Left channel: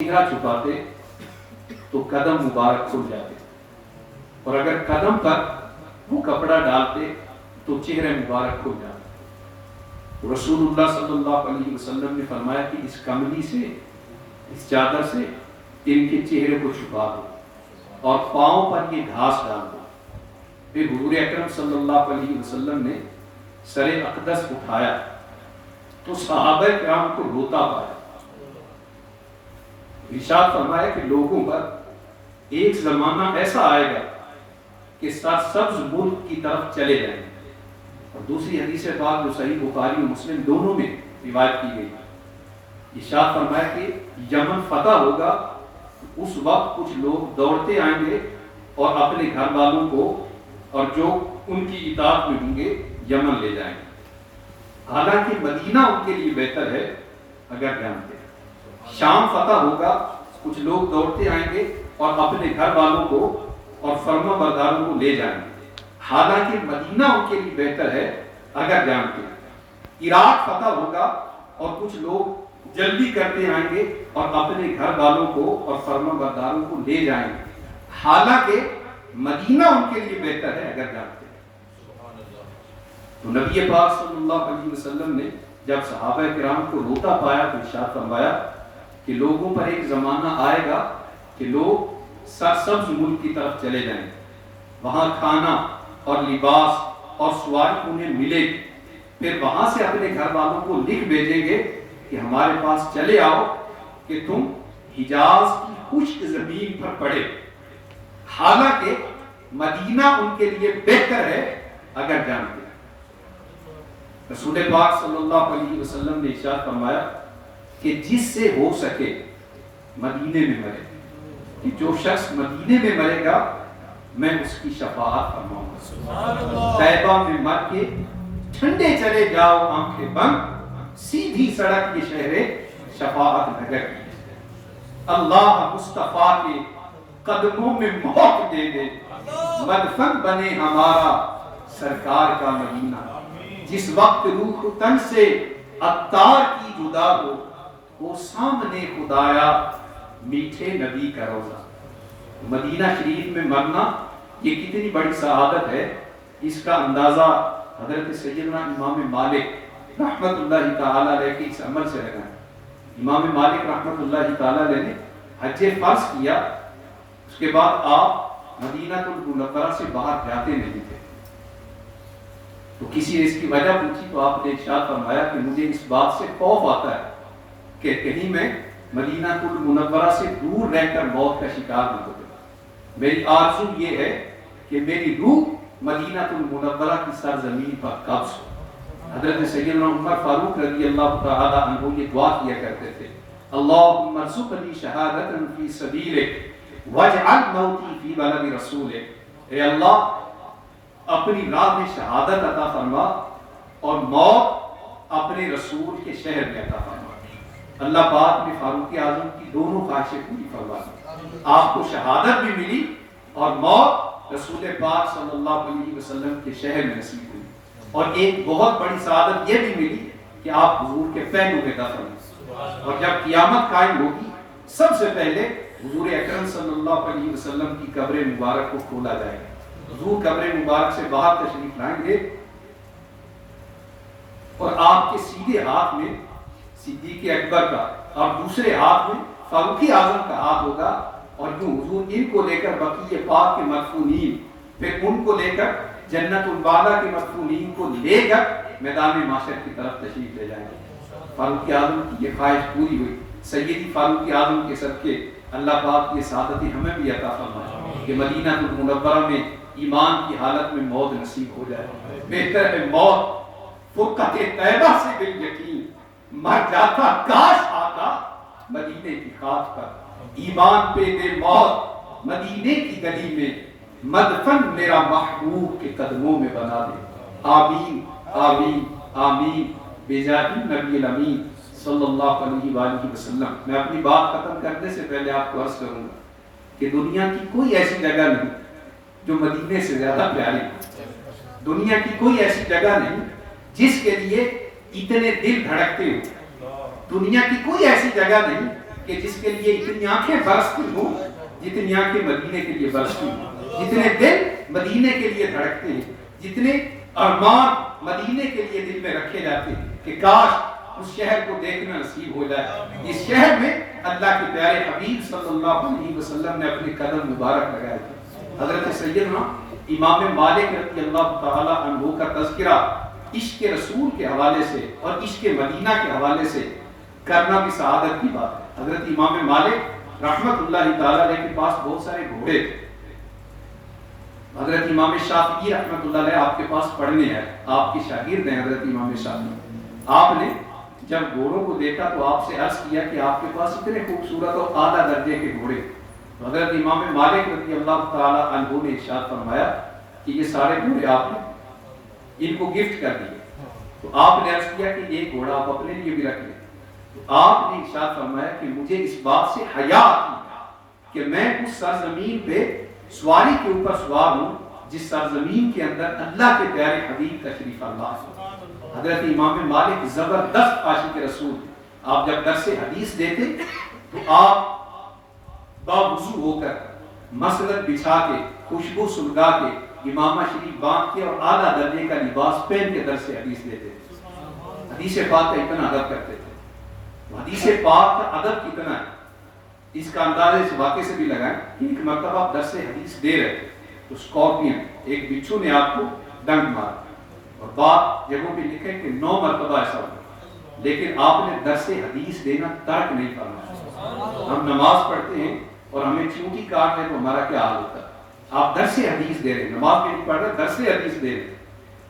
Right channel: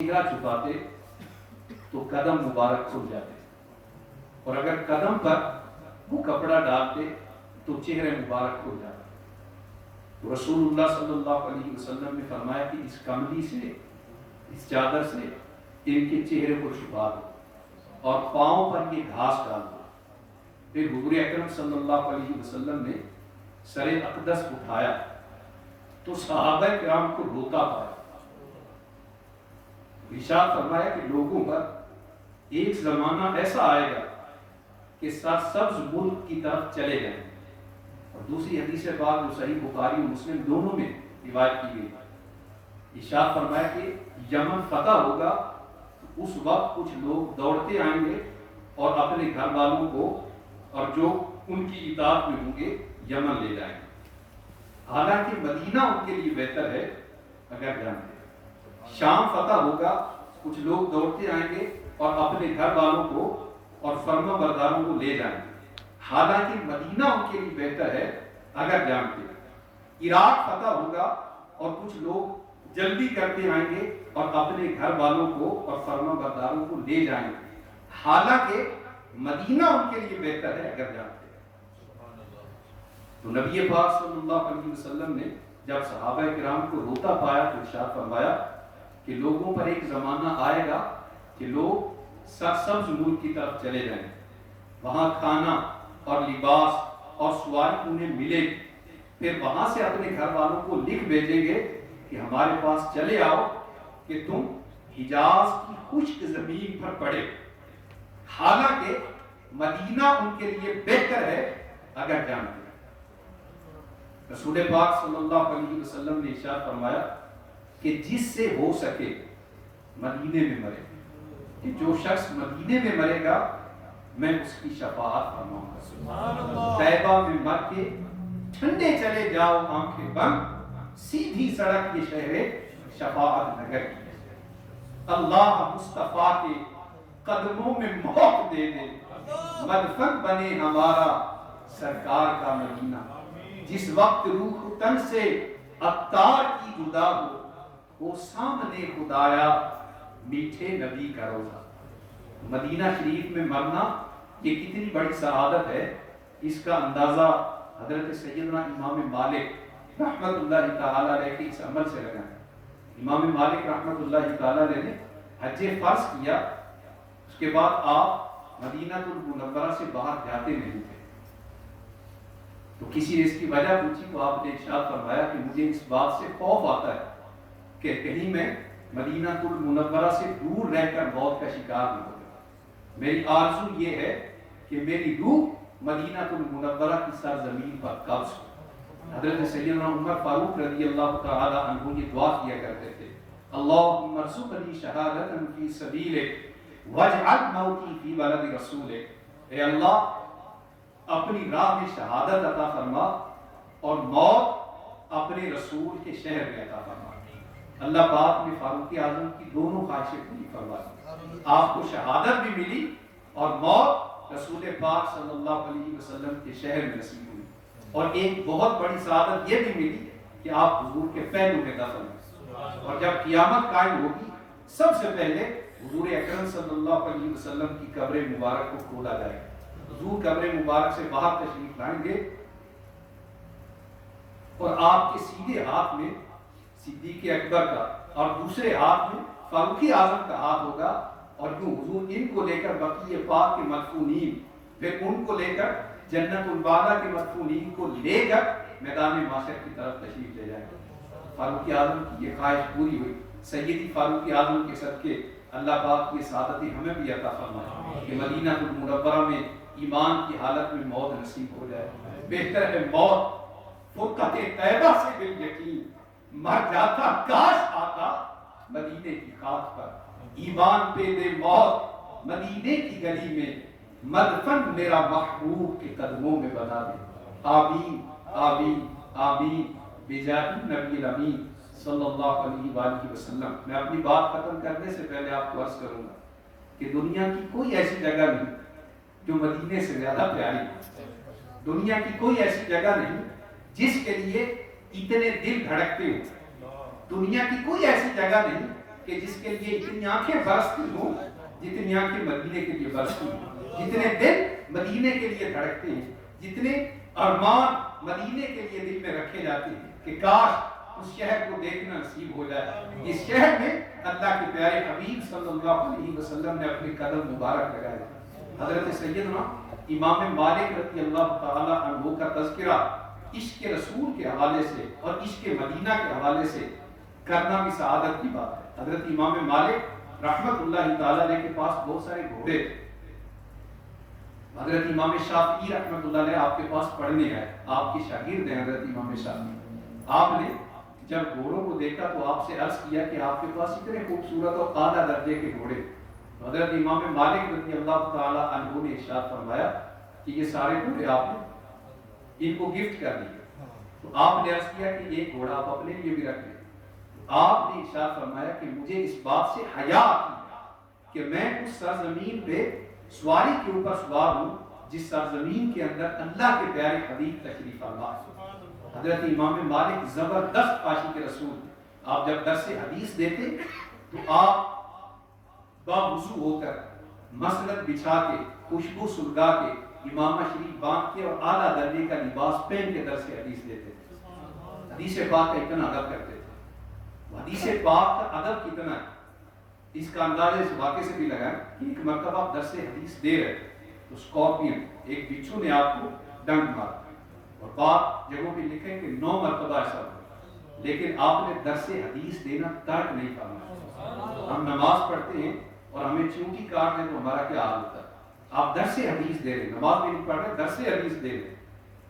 چہرہ چھپاتے تو قدم مبارک کھل جاتے، اور اگر قدم پر وہ کپڑا ڈالتے تو چہرے مبارک کھل جاتے۔ رسول اللہ صلی اللہ علیہ وسلم نے فرمایا کہ اس کملی سے، اس چادر سے ان کے چہرے کو چھپا دو اور پاؤں پر یہ گھاس ڈال دو۔ پھر حضور اکرم صلی اللہ علیہ وسلم نے سر اقدس اٹھایا تو صحابہ کرام کو روتا پایا۔ ارشاد فرمایا کہ لوگوں پر ایک زمانہ ایسا آئے گا کہ سرسبز ملک کی طرف چلے جائیں گے، اور دوسری حدیث پاک جو صحیح بخاری و مسلم دونوں میں روایت کی گئی، ارشاد فرمایا کہ یمن فتح ہوگا، اس وقت کچھ لوگ دوڑتے آئیں گے اور اپنے گھر والوں کو اور جو ان کی اطاعت میں ہوں گے یمن لے جائیں گے، حالانکہ مدینہ ان کے لیے بہتر ہے اگر جانتے۔ شام فتح ہوگا، کچھ لوگ دوڑتے آئیں گے اور اپنے گھر والوں کو اور فرما برداروں کو لے جائیں گے، حالانکہ مدینہ ان کے لیے بہتر ہے اگر جانتے۔ عراق فتح ہوگا اور کچھ لوگ جلدی کرتے آئیں گے اور اپنے گھر والوں کو اور فرما برداروں کو لے جائیں گے، حالانکہ مدینہ ان کے لیے بہتر ہے اگر جانتے۔ تو نبی پاک صلی اللہ علیہ وسلم نے جب صحابہ کرام کو روتا پایا تو ارشاد فرمایا کہ لوگوں پر ایک زمانہ آئے گا کہ لوگ سرسبز ملک کی طرف چلے جائیں گے، وہاں کھانا اور لباس اور سواری انہیں ملے گی، پھر وہاں سے اپنے گھر والوں کو لکھ بھیجیں گے کہ ہمارے پاس چلے آؤ کہ تم حجاز کی خشک زمین پر پڑے، حالانکہ مدینہ ان کے لیے بہتر ہے اگر جانتے۔ رسول پاک صلی اللہ علیہ وسلم نے ارشاد فرمایا کہ جس سے ہو سکے مدینے میں مرے، کہ جو شخص مدینے میں مرے گا میں اس کی شفاعت فرماؤں گا۔ طیبہ میں مر کے ٹھنڈے چلے جاؤ آنکھیں بند، سیدھی سڑک یہ شہر شفاعت نگر کی، اللہ مصطفیٰ کے قدموں میں موت دے دے، مدفن بنے ہمارا سرکار کا مدینہ، جس وقت روح تن سے عطار کی جدا ہو، وہ سامنے خدایا میٹھے نبی کا روضہ۔ مدینہ شریف میں مرنا یہ کتنی بڑی سعادت ہے، اس کا اندازہ حضرت سیدنا امام مالک رحمت اللہ تعالیٰ علیہ کے اس عمل سے لگا ہے۔ امام مالک رحمت اللہ تعالیٰ علیہ نے حج فرض کیا، اس کے بعد آپ مدینہ المنورہ سے باہر جاتے نہیں تھے، تو کسی نے اس کی وجہ پوچھی تو آپ نے ارشاد فرمایا کہ مجھے اس بات سے خوف آتا ہے کہ کہیں میں مدینہ المنورہ سے دور رہ کر موت کا شکار نہ ہو جاؤں، میری آرزو یہ ہے کہ میری روح مدینہ المنورہ کی سرزمین پر قبض ہو۔ حضرت سیدنا عمر فاروق رضی اللہ تعالی عنہ یہ دعا کیا کرتے تھے، اللہم ارزقنی شہادۃ فی سبیلک واجعل موتی فی بلد رسولک، اے اللہ اپنی راہ میں شہادت عطا فرما اور موت اپنے رسول کے شہر میں عطا فرما۔ اللہ پاک نے فاروق اعظم کی دونوں خواہشیں پوری فرما دی، آپ کو شہادت بھی ملی اور موت رسول پاک صلی اللہ علیہ وسلم کے شہر میں نصیب ہوئی، اور ایک بہت بڑی سعادت یہ بھی ملی کہ آپ حضور کے پہلو میں دفن ہیں، اور جب قیامت قائم ہوگی سب سے پہلے حضور اکرم صلی اللہ علیہ وسلم کی قبر مبارک کو کھولا جائے گا، حضور قبر مبارک سے باہر تشریف لائیں گے اور آپ کے سیدھے ہاتھ میں صدیق اکبر کا اور دوسرے ہاتھ میں فاروق اعظم کا ہاتھ ہوگا، اور یوں حضور ان کو لے کر بقیع پاک کے مدفونین، پھر ان کو لے کر جنت البالا کے مدفونین کو لے کر میدان محشر کی طرف تشریف لے جائیں گے۔ فاروق اعظم کی یہ خواہش پوری ہوئی، سیدی فاروق اعظم کے صدقے اللہ پاک یہ سعادتیں ہمیں بھی عطا فرمائے کہ مدینہ المنورہ میں ایمان کی حالت میں موت نصیب ہو جائے۔ بہتر ہے موت فرقت طیبہ سے بالیقین، مر جاتا کاش آتا مدینے کی خاک پر، ایمان پہ دے موت مدینے کی گلی میں، مدفن میرا محبوب کے قدموں میں بنا دے، آمین آمین آمین بجاہ نبی الامین صلی اللہ علیہ وآلہ وسلم۔ میں اپنی بات ختم کرنے سے پہلے آپ کو عرض کروں گا کہ دنیا کی کوئی ایسی جگہ نہیں جو مدینے سے زیادہ پیاری ہے، دنیا کی کوئی ایسی جگہ نہیں جس کے لیے اتنے دل دھڑکتے ہو، دنیا کی کوئی ایسی جگہ نہیں کہ جس کے لیے اتنی آنکھیں برستی ہوں جتنی آنکھیں مدینے کے لیے برستی ہوں، جتنے دل مدینے کے لیے دھڑکتے ہیں، جتنے ارمان مدینے کے لیے دل میں رکھے جاتے ہیں کہ کاش اس شہر کو دیکھنا نصیب ہو جائے۔ اس شہر میں اللہ کے پیارے حبیب صلی اللہ علیہ وسلم نے اپنے قدم مبارک لگائے تھے۔ حضرت سیدنا امام مالک رضی اللہ تعالی عنہ کا تذکرہ عشق رسول کے حوالے سے اور عشق مدینہ کے حوالے سے کرنا بھی سعادت کی بات ہے۔ حضرت امام مالک رحمت اللہ تعالی علیہ کے پاس بہت سارے گھوڑے تھے۔ حضرت امام شافعی رحمت اللہ علیہ آپ کے پاس پڑھنے ہیں، آپ کے شاگرد ہیں حضرت امام شافعی۔ آپ نے جب گھوڑوں کو دیکھا تو آپ سے عرض کیا کہ آپ کے پاس اتنے خوبصورت اور اعلیٰ درجے کے گھوڑے۔ حضرت امام مالک رضی اللہ تعالی عنہ نے ارشاد فرمایا کہ یہ سارے گھوڑے آپ نے ان کو گفٹ کر دیے۔ تو آپ نے عرض کیا کہ ایک گھوڑا آپ اپنے لیے بھی رکھ لیں۔ تو آپ نے ارشاد فرمایا کہ مجھے اس بات سے حیا آتی ہے کہ میں اس سرزمین پہ سواری کے اوپر سوار ہوں جس سرزمین کے اندر اللہ کے پیارے حبیب تشریف فرما ہے۔ حضرت امام مالک زبردست عاشق رسول، آپ جب درس حدیث دیتے تو آپ باوضو ہو کر مسند بچھا کے خوشبو سلگا کے امامہ شریف باندھ کے اور اعلیٰ درجے کا لباس پہن کے درس حدیث دیتے تھے۔ حدیث پاک کا اتنا ادب کرتے تھے۔ حدیث پاک کا ادب کتنا ہے اس کا اندازہ اس واقعے سے بھی لگائیں کہ ایک مرتبہ آپ درس حدیث دے رہے تو اسکارپین ایک بچھو نے آپ کو ڈنک مارا، اور بعض جگہوں پہ لکھے کہ 9 مرتبہ ایسا ہوا، لیکن آپ نے درس حدیث دینا ترک نہیں فرمایا۔ ہم نماز پڑھتے ہیں اور ہمیں چونٹی کاٹ لیں تو ہمارا کیا حال ہوتا ہے؟ آپ درس حدیث دے رہے ہیں، نماز میں نہیں پڑھ رہے، درس حدیث دے رہے ہیں،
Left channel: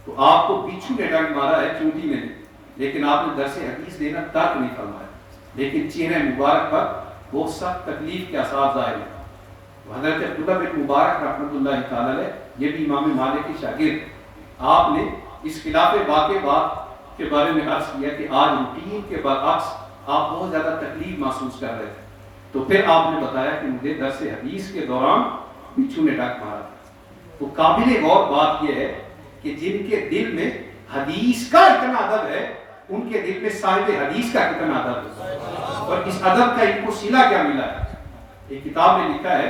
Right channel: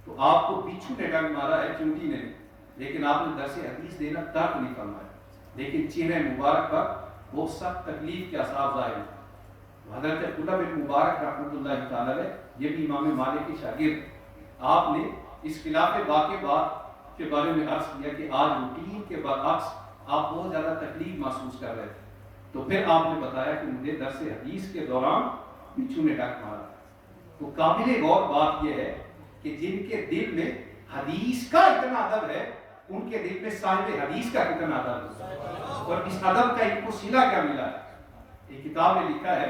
تو آپ کو بچھو نے ڈنک مارا ہے، چونٹی نے نہیں، لیکن آپ نے درس حدیث دینا ترک نہیں فرمایا، لیکن چہرے مبارک پر بہت سخت تکلیف کے آثار ظاہر ہیں۔ حضرت عبداللہ بن مبارک رحمۃ اللہ تعالی علیہ یہ بھی امام مالک کے شاگرد، آپ نے اس خلاف واقع بات کے بارے میں عرض کیا کہ آج روٹین کے برعکس آپ بہت زیادہ تکلیف محسوس کر رہے تھے، تو پھر آپ نے بتایا کہ مجھے درس حدیث کے دوران بچھو نے ڈنک مارا۔ تو قابل غور بات یہ ہے کہ جن کے دل میں حدیث کا اتنا ادب ہے ان کے دل میں صاحب حدیث کا کتنا ادب ہے، اور اس ادب کا ان کو صلہ کیا ملا ہے۔ ایک کتاب میں لکھا ہے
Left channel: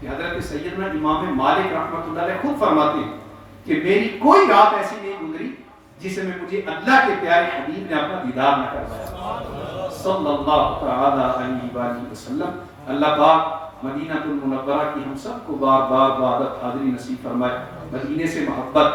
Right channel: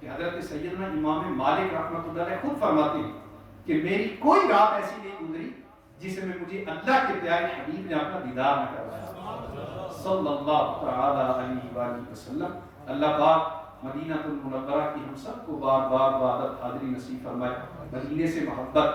کہ حضرت سیدنا امام مالک رحمۃ اللہ علیہ خود فرماتے ہیں کہ میری کوئی رات ایسی نہیں گزری جس میں مجھے اللہ کے پیارے حبیب نے اپنا دیدار نہ کروایا صلی اللہ تعالی علیہ وآلہ وسلم۔ اللہ پاک مدینہ المنورہ کی ہم سب کو بار بار وعدت حاضری نصیب فرمائے۔ مدینے سے محبت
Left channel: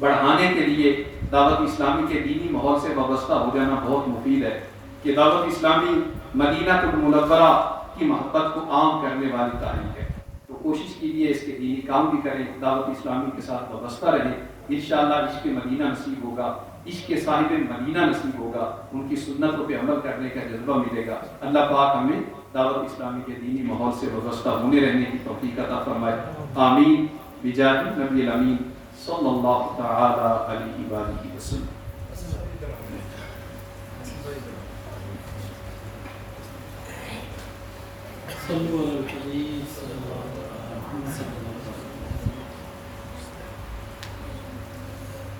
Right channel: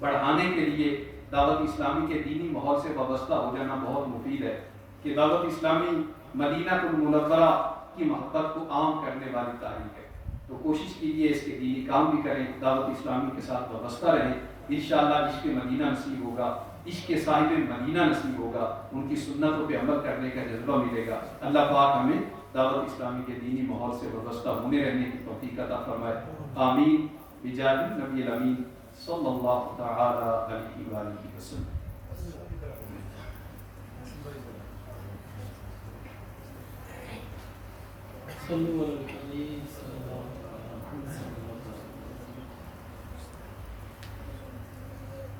بڑھانے کے لیے دعوت اسلامی کے دینی ماحول سے وابستہ ہو جانا بہت مفید ہے کہ دعوت اسلامی مدینہ المنورہ کی محبت کو عام کرنے والی تحریک ہے، تو کوشش کیجیے اس کے دینی کام بھی کریں، دعوت اسلامی کے ساتھ وابستہ رہیں، انشاءاللہ عشق مدینہ نصیب ہوگا، عشق صاحب مدینہ نصیب ہوگا، ان کی سنتوں پہ عمل کرنے کا جذبہ ملے گا۔ اللہ پاک ہمیں دعوت اسلامی کے دینی ماحول سے وابستہ ہونے رہنے کی توفیق عطا فرمائے، آمین بجاہ نبی الامین صلی اللہ تعالی علیہ وآلہ وسلم۔ صلو علی الحبیب صلی اللہ علیہ وسلم۔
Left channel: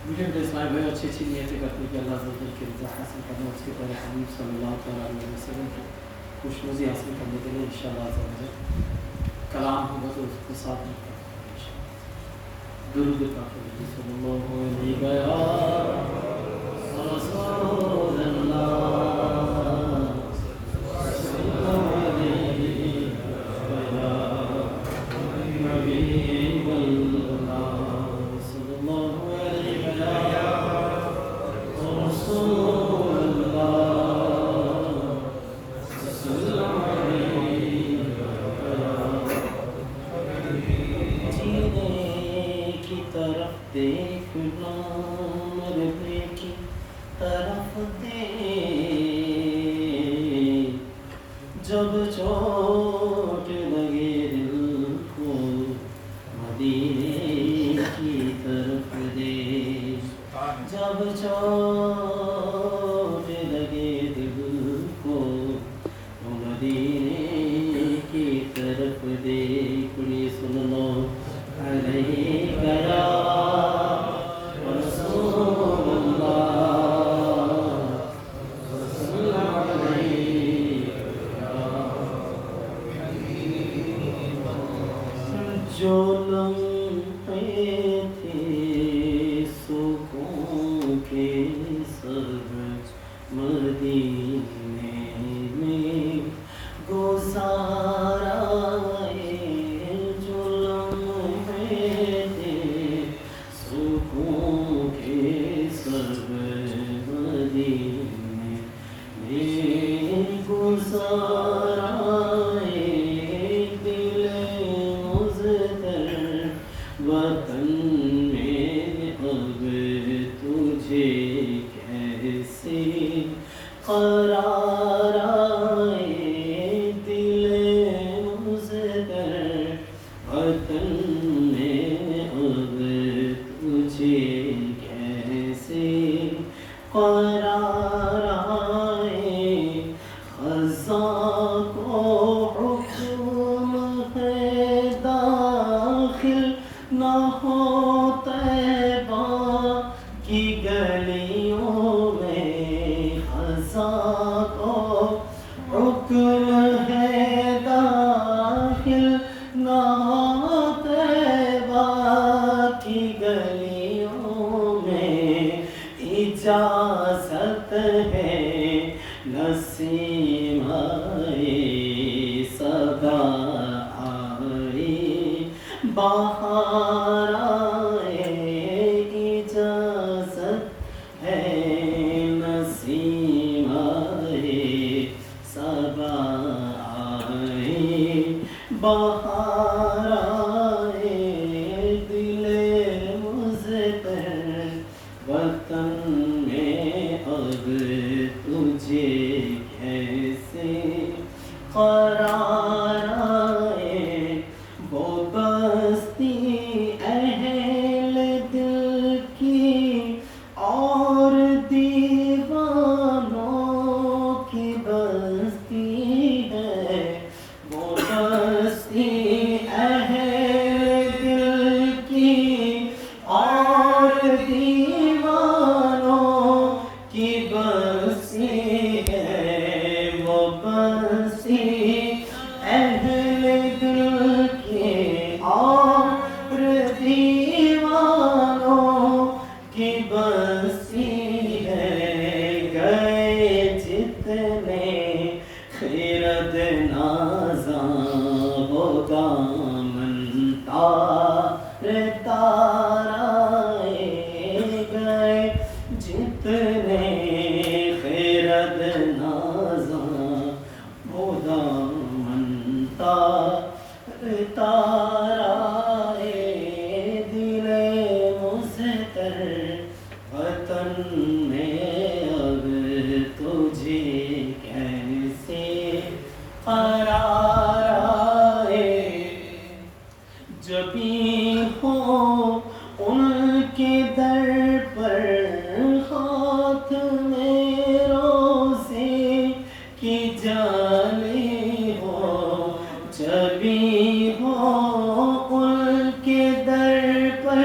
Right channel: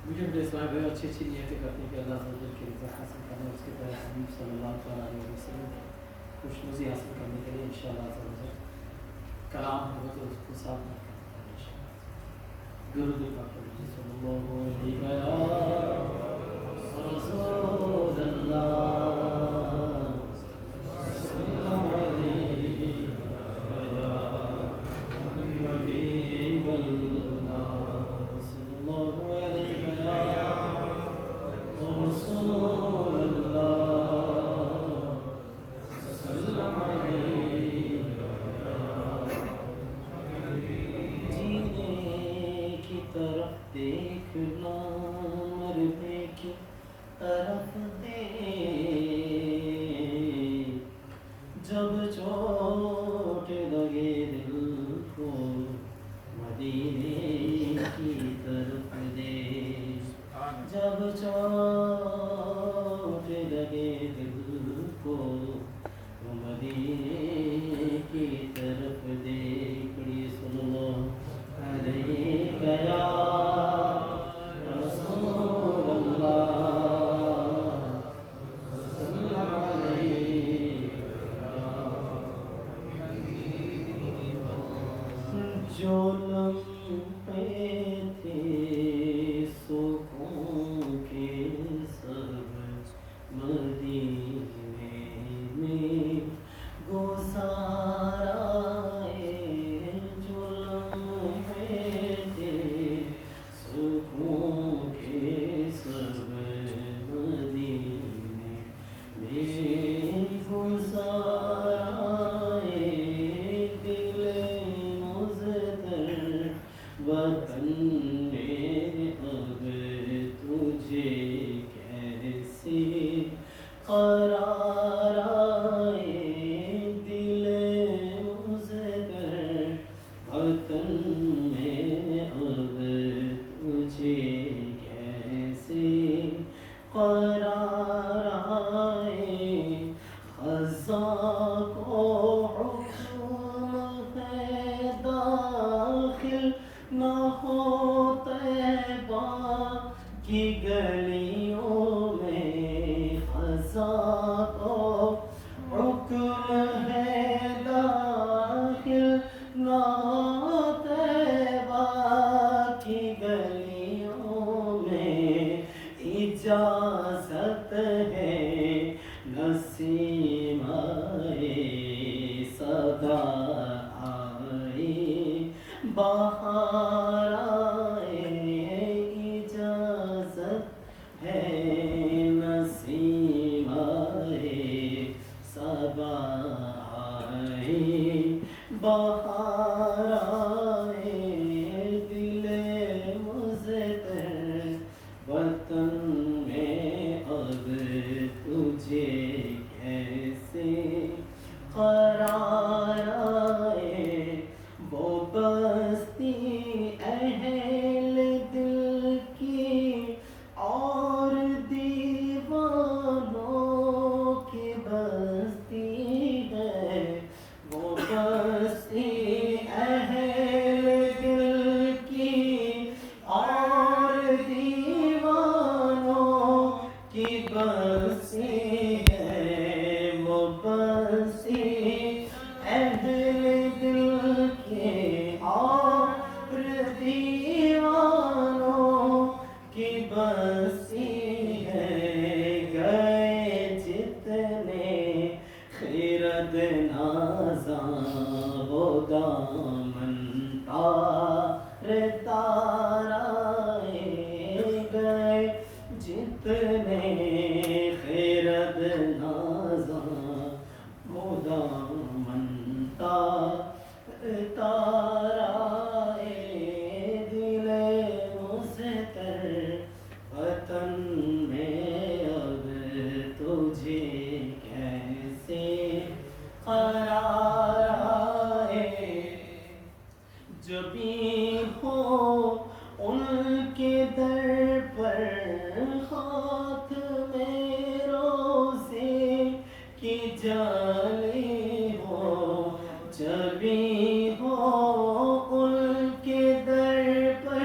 مجھے اپنے اسلام بھائی اچھی اچھی نیتیں کرنے کی اللہ عز و جل کی رضا حاصل کرنا، اس کے پیارے حبیب صلی اللہ علیہ وسلم کی خوشنودی حاصل کرنے کے لیے انشاءاللہ عز و جل کلام ہوگا تو اس کو ساتھ میں درود پاک صلی اللہ علیہ رسول اللہ جو لمحے تھے سکون کے سب مدینے میں گزارا ہے، جو لمحے تھے سکون کے سب مدینے میں گزارا ہے، دل مزدر وطن میں اب تجھے کیسے قرار آئے، دل مزدر وطن میں اب تجھے کیسے قرار آئے، خزاں کو حکم ہے داخل نہ ہو طیبہ کی گلیوں میں، خزاں کو حکم ہے داخل نہ ہو طیبہ کی گلیوں میں، اجازت ہے نسیم آئے صبا آئے بہار آئے، اجازت ہے نسیم آئے صبا آئے بہار آئے، دل مزدر وطن میں اب تجھے کیسے قرار آئے، وہ بستی اہل دل کی اور دیوانوں کی بستی ہے، وہ بستی اہل دل کی اور دیوانوں کی بستی ہے، وہ بستی اہل دل کی اور دیوانوں کی بستی ہے، گئے جتنے خرد نازاں وہ دامن تار تار آئے، گئے جتنے خرد نازاں وہ دامن تار تار آئے، دل مزدر وطن میں اب تجھے کیسے قرار آئے، جبھی ہو ان کے در پر ہاتھ میں روزے کی جالی ہو، جبھی ہو ان کے در پر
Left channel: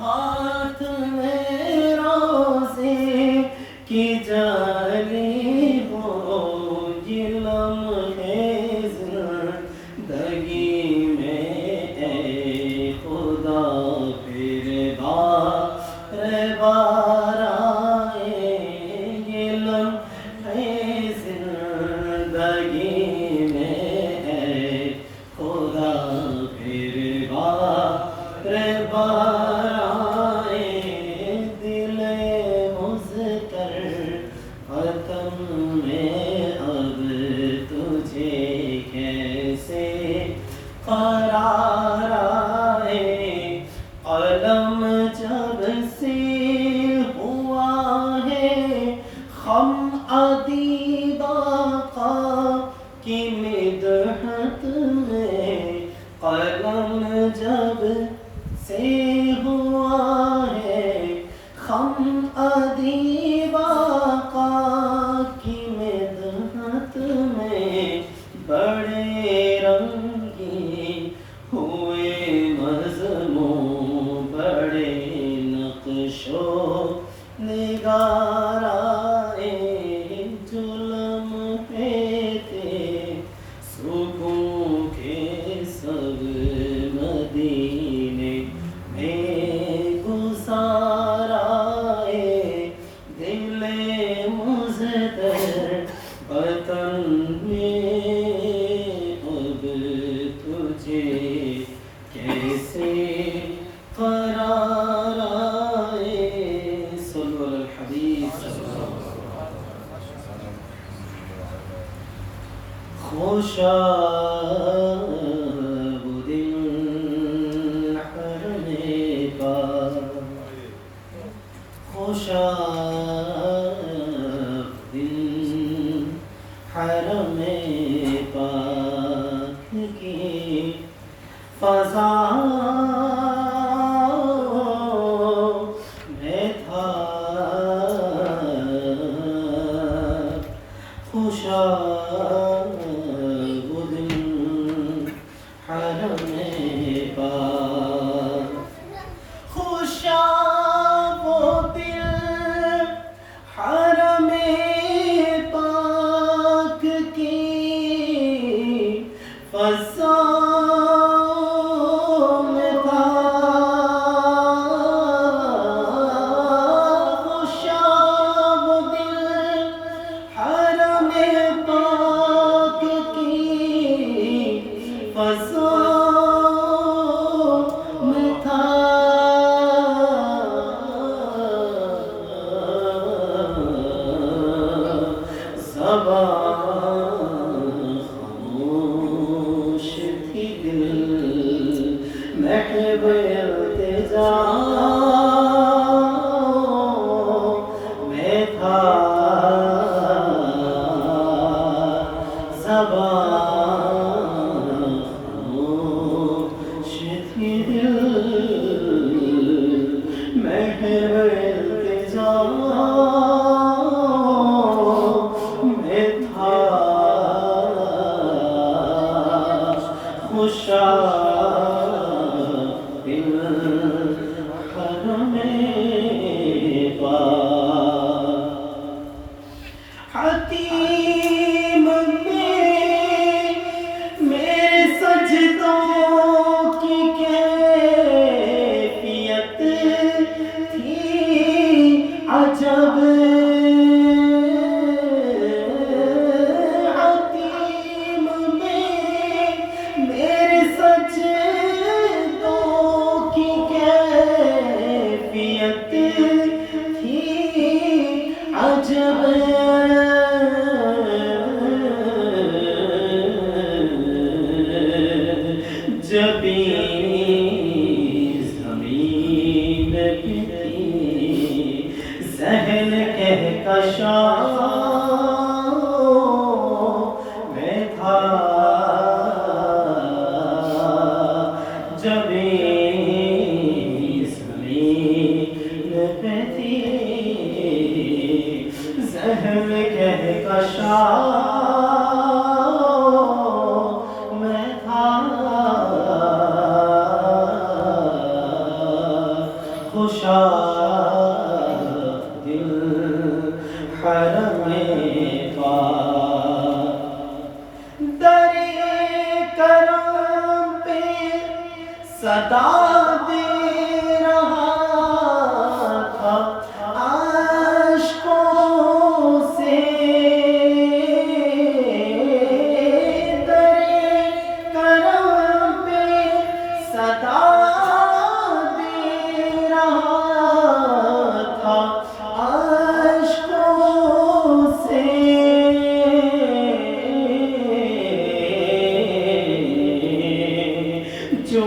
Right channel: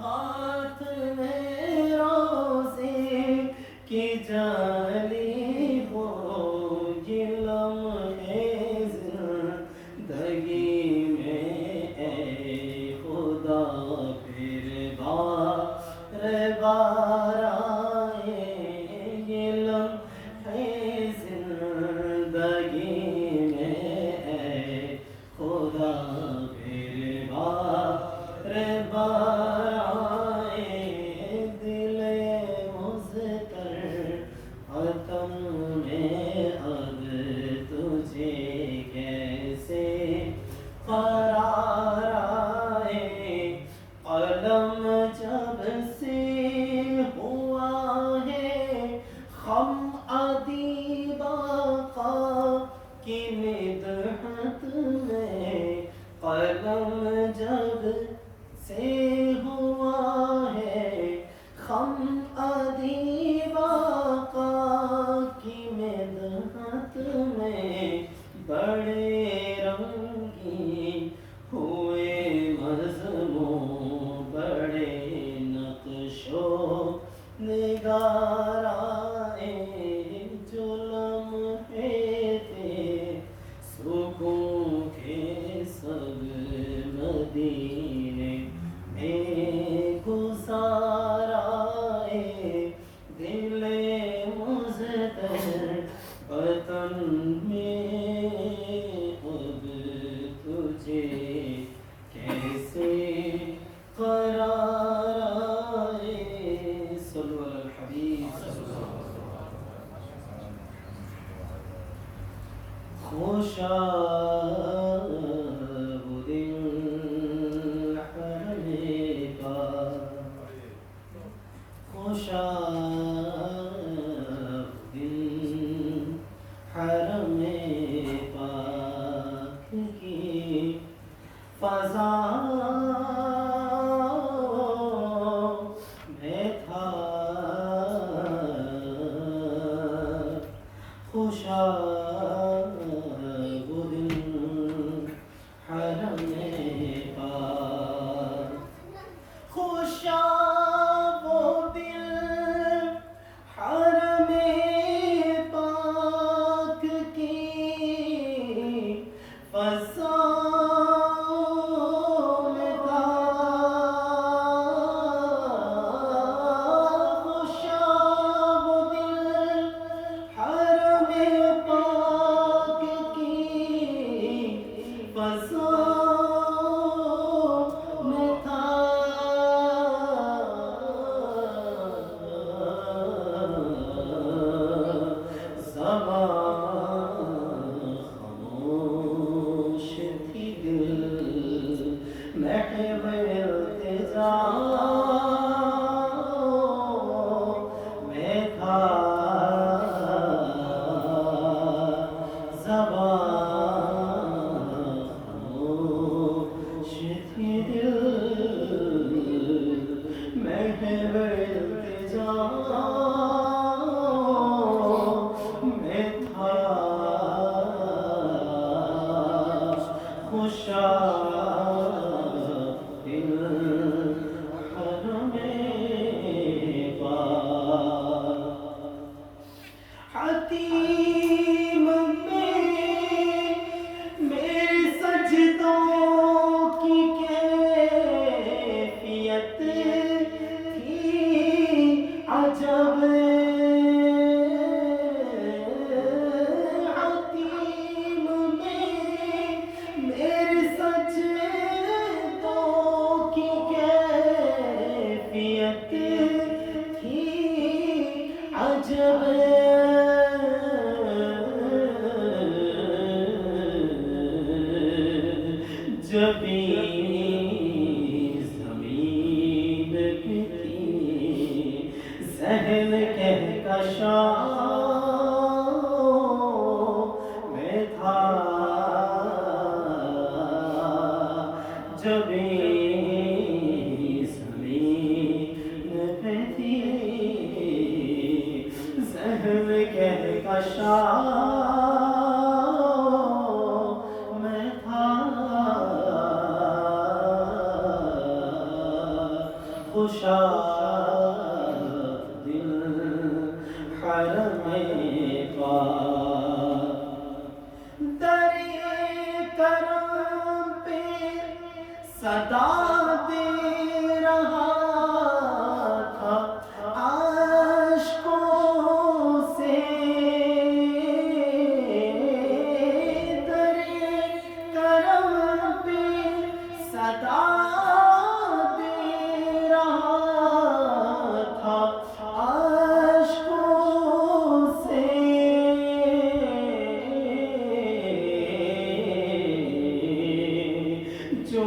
ہاتھ میں روزے کی جالی ہو، یہ لمحے زندگی میں اے خدا پھر بار آئے، یہ لمحے زندگی میں اے خدا پھر بار آئے، دل مزدر وطن میں اب تجھے کیسے قرار آئے، قلم جب سے ہوا ہے خم ادیب آقا کی مدحت میں، قلم جب سے ہوا ہے خم ادیب آقا کی مدحت میں، بڑے رنگی ہوئے مضمون، بڑے نقش و نگار آئے، جو لمحے تھے سکون کے سب خوشاب دل حرم پاک خوشاب دل حرم پاک کی فضا میں تھا خوشاب دل حرم پاک خوشاب دل حرم پاک کی فضا میں تھا خوشاب دل حرم پاک کی فضا میں تھا زبان خاموش تھی دل محو التجا میں تھا زبان خاموش تھی دل محو التجا میں تھا خوشاب دل حرم پاک حتیم میں سجدوں کی کیفیت تھی عجب حتیم میں میرے سجدوں کی کیفیت تھی عجب جبیں زمین کی ذہن کہکشاں میں تھا جبیں زمین پہ تھی ذہن کہکشاں میں تھا خوشاب دل حرم پاک در کرم پہ صدا دے رہا تھا عاشقوں سے در کرم پہ صدا جو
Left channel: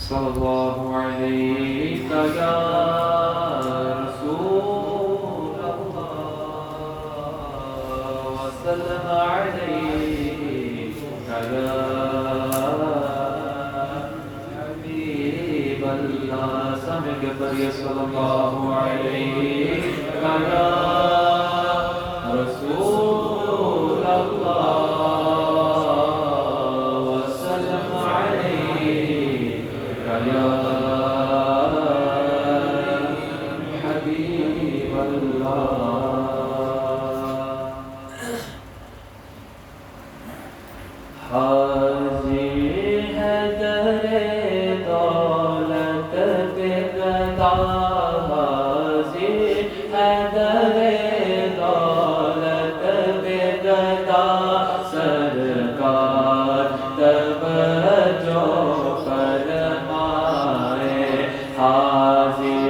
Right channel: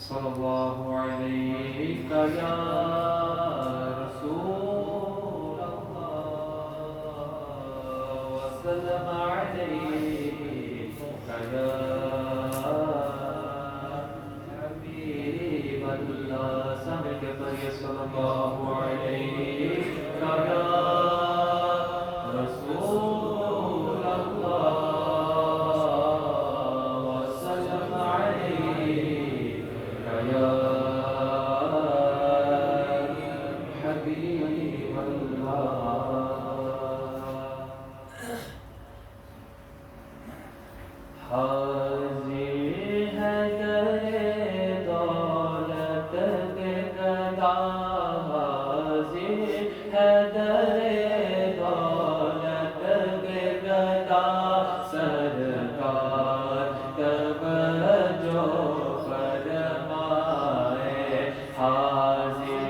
صلى الله عليك يا رسول الله وسلم عليك يا حبيب الله سامع کے صلى الله عليك يا رسول الله وسلم عليك يا حبيب الله حاضر ہے در دولت پہ گدا حاضر ہے در دولت پہ گدا سرکار توجہ فرمائے حاضر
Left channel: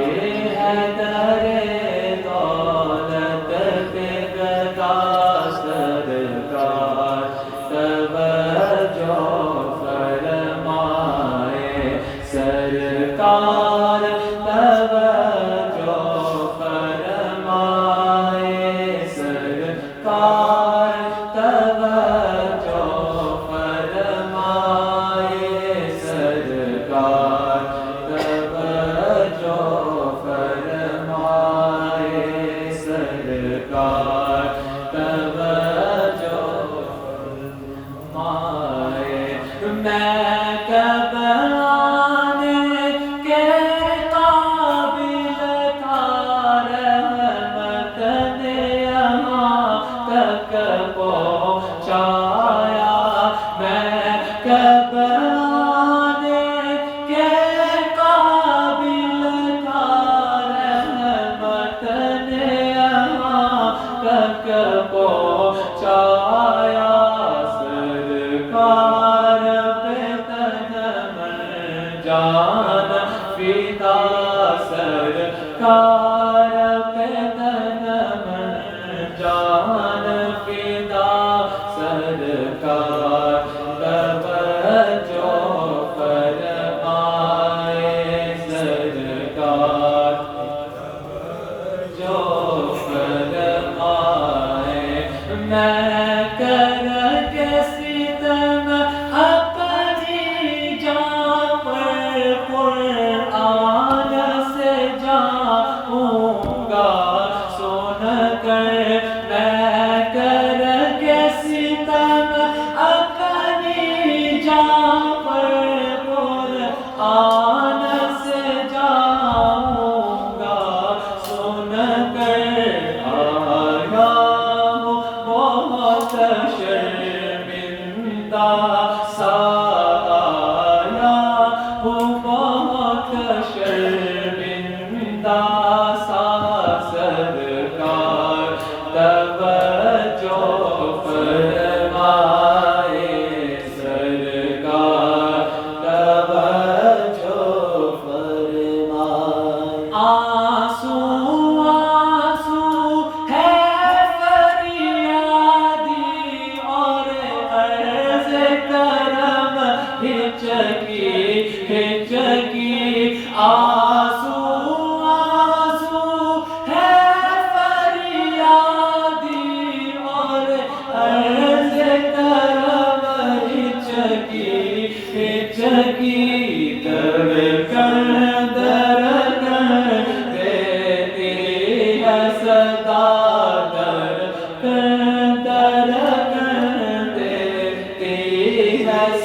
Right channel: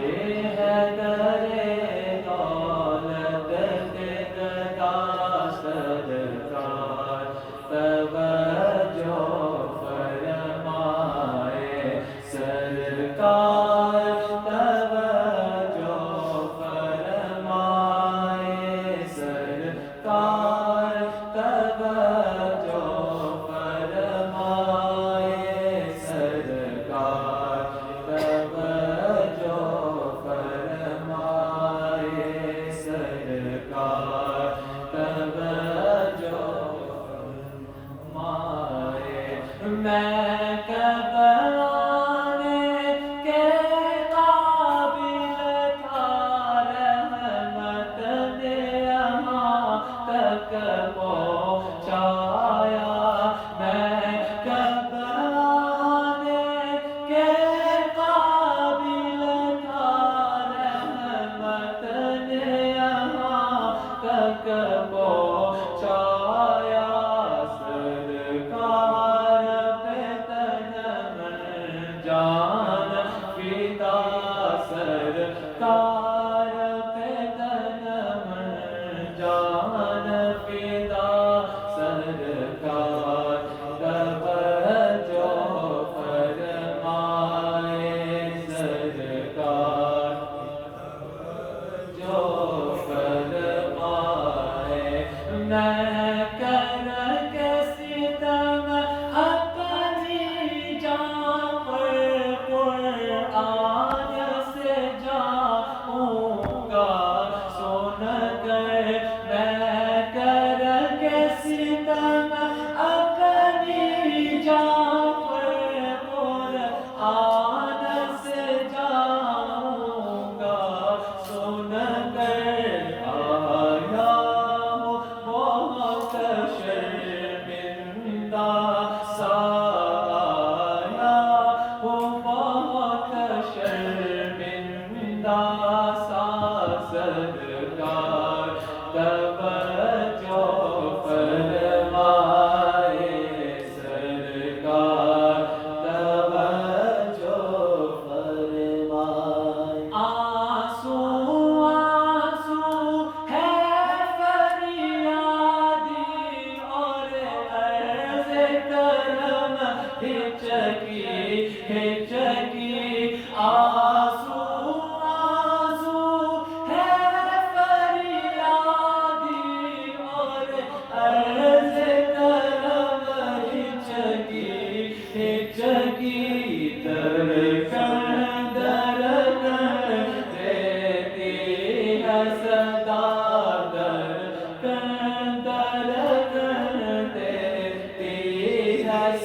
ہے در دولت پہ گدا سرکار توجہ فرمائے سرکار توجہ فرمائے سرکار توجہ فرمائے سرکار توجہ فرمائے سرکار توجہ فرمائے میں کب آنے کے قابل تھا رحمت نے یہاں تک پہنچایا میں کب آنے کے قابل تھا رحمت نے یہاں تک پہنچایا سرکار پہ تن من جان فدا سرکار پہ تن من جان فدا سرکار توجہ فرمائے سرکار جو فرمائے میں کر کے ستم اپنی جان پر قرآن سے جاؤں گا سن کر میں کر کے ستم اپنی جان پر قرآن سے جاؤں گا سن کر آیا ہوں بہت شرمندہ سا آیا ہوں بہت شرمندہ سا سرکار توجہ فرمائے سرکار توجہ فرمائے آنسو آنسو ہے فریادی اور عرض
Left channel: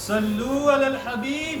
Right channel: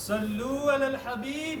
صلوا على الحبيب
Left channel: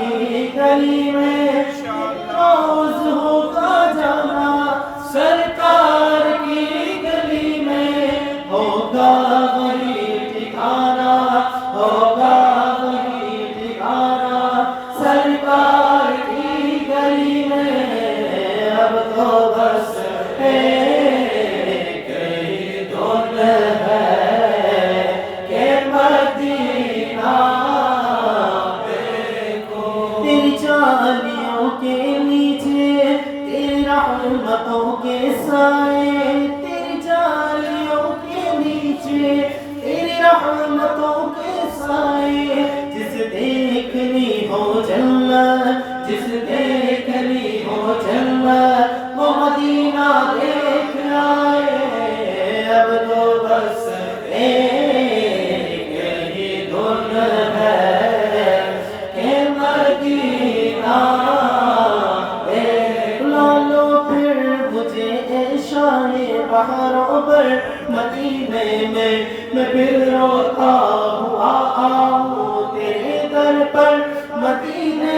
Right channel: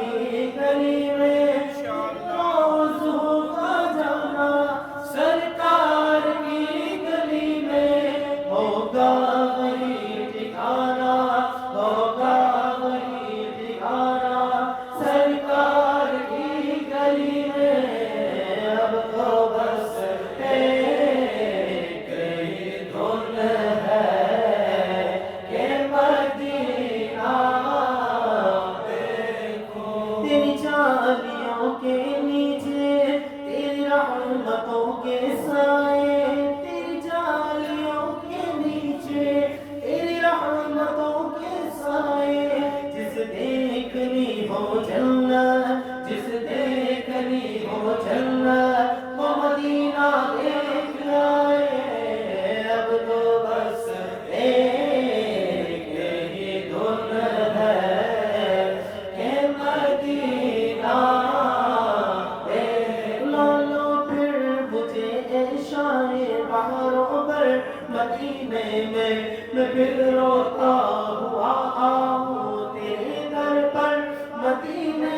کی گلی میں روز ہوگا جانا سرکار کی گلی میں ہوگا وہی ٹھکانا ہوگا وہی ٹھکانا سرکار کی گلی میں اب تو بس ایک ہی دھن ہے کہ مدینہ دیکھو تیری جالیوں کے نیچے تیری رحمتوں کے سائے تیری جالیوں کے نیچے تیری رحمتوں کے سائے جس دیکھنی ہو جنت جس دیکھنی ہو جنت وہ مدینہ دیکھ آئے اب تو بس ایک ہی دھن ہے کہ مدینہ دیکھ لو پھر مجھے شاہ بہاروں پر مدینے میں پھر روتا ہوا آؤں تیرے در پر مدینے